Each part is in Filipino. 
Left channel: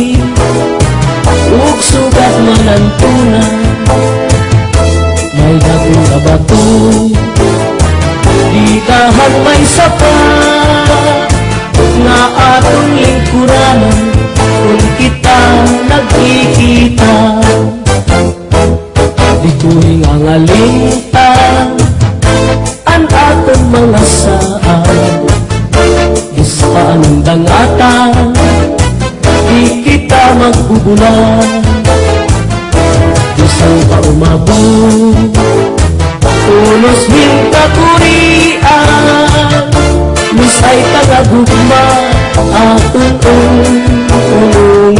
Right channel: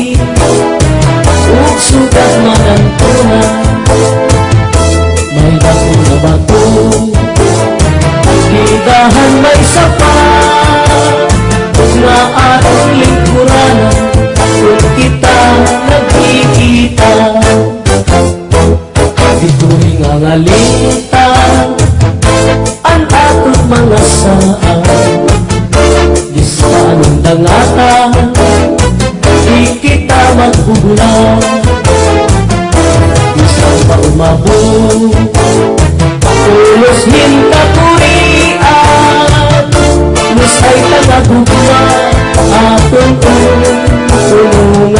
ug sugat marantuna may bago na bato ligahan may sapat nga atong lingkuran kung kita nagkikita dito'y nga ngalita ang akong mga saan isang dangatan di kita magbubulan isang maumabot tulos hintaturian musay ka nagbubulan atong tulungan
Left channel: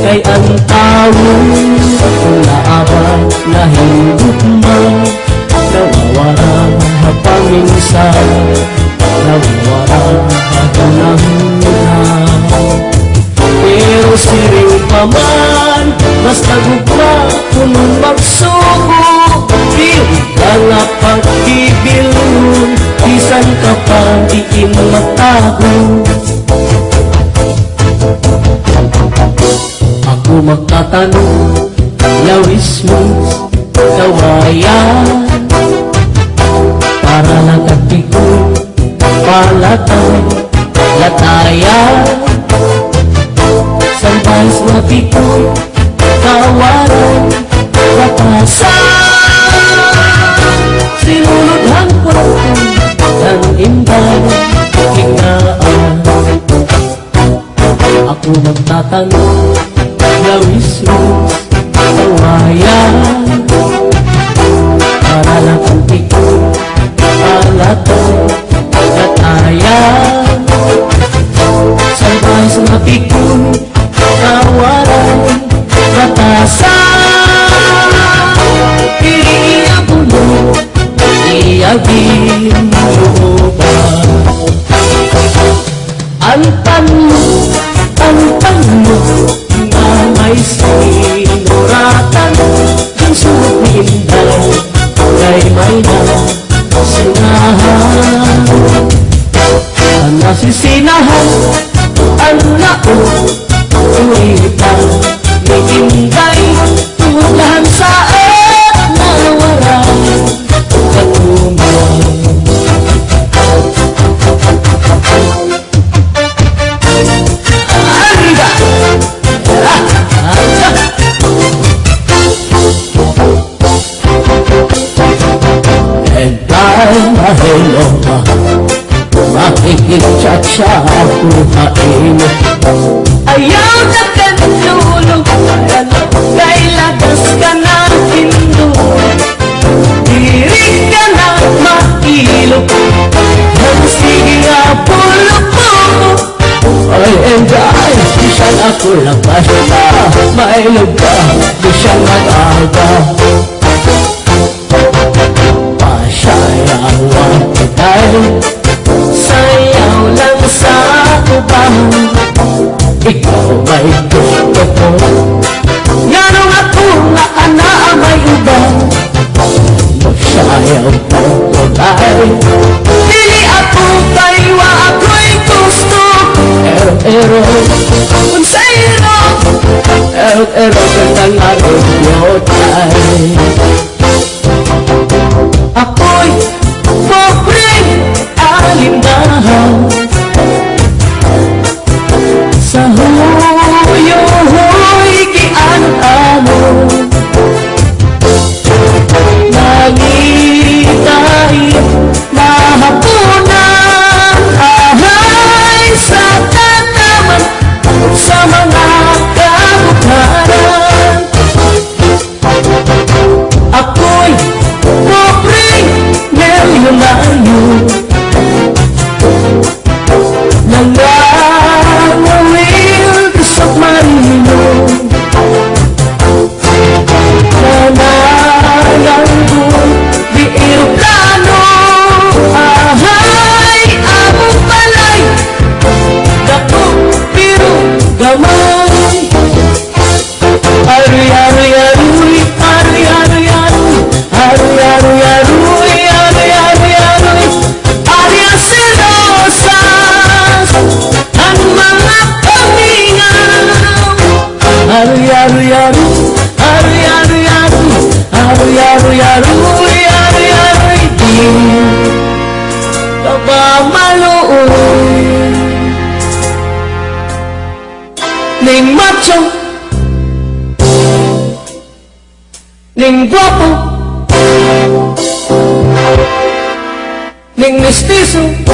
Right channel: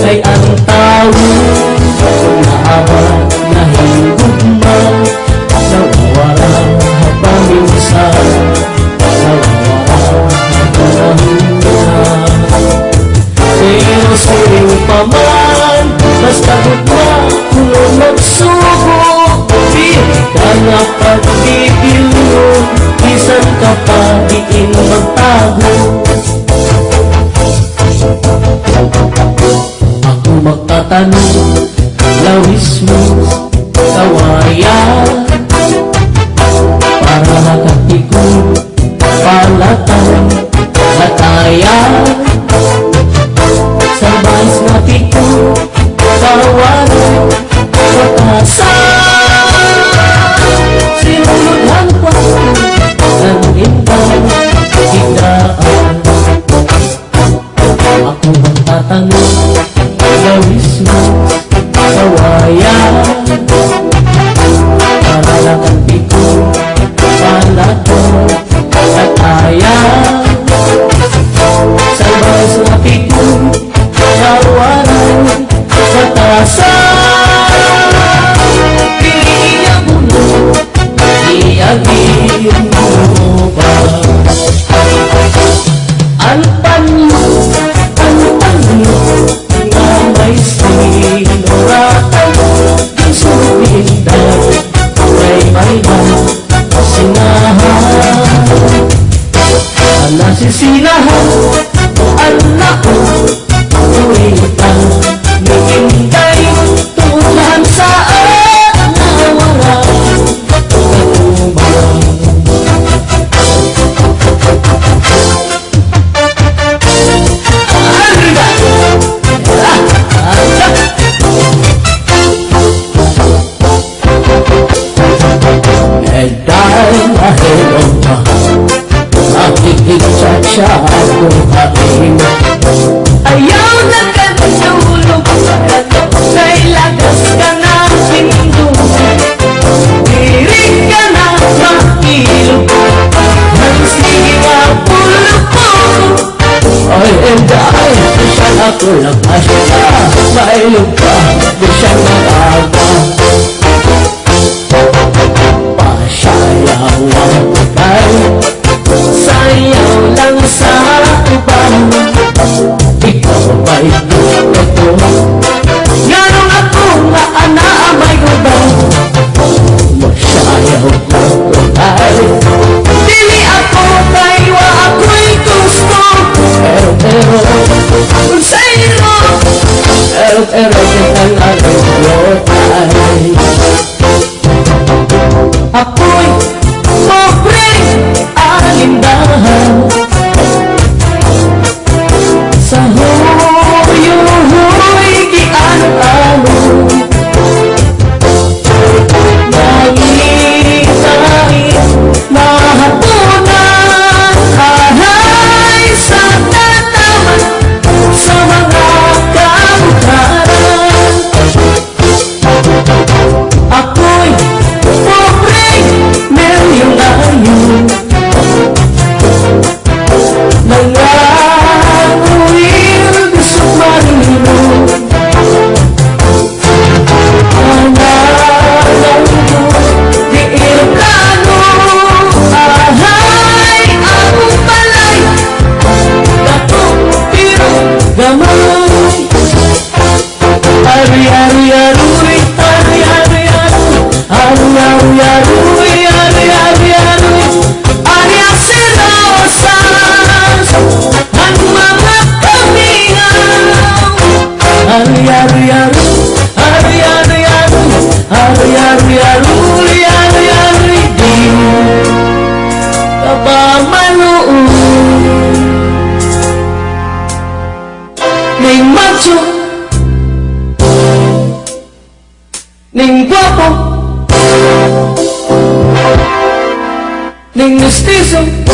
kay ang taong naawa na higugma nagawang hapaminsan nagawang haganahunan pero siring pa man mas nagugma kung magsubok di ka pagkikil bisan ka pa di magtago ako magtatanong lawis mo kawayan para magatigo palatang latayan sabay sa tigo kawayan matasan sinulungan ko ng imbang higaan ako magtatanong lawis mo kawayan para lang ang tigo palatang latayan sabay sa tigo kawayan matasan piling mo iagin mo ba ang tanong na may sinuratan ang sumindan ay may nasinahan ang nasisinahan ang nauulitan nagintay tulad sa mga katumbang dahil mahilo pa makikichat siya akong hain ayaw na katulog kay lakas ka na sinulog dirig ka na makilog ang siya pulog ay dahil siya na tulog pa siya mailog ka di siya nag-alga sayaw lang sa iba ikaw ba'y gusto ko gano'ng ako nga anaamay ko ba sayaw ka ay dili ako kayo ako'y gusto pero kung sa'yo ning macho, ning guwapo, ning mestizo,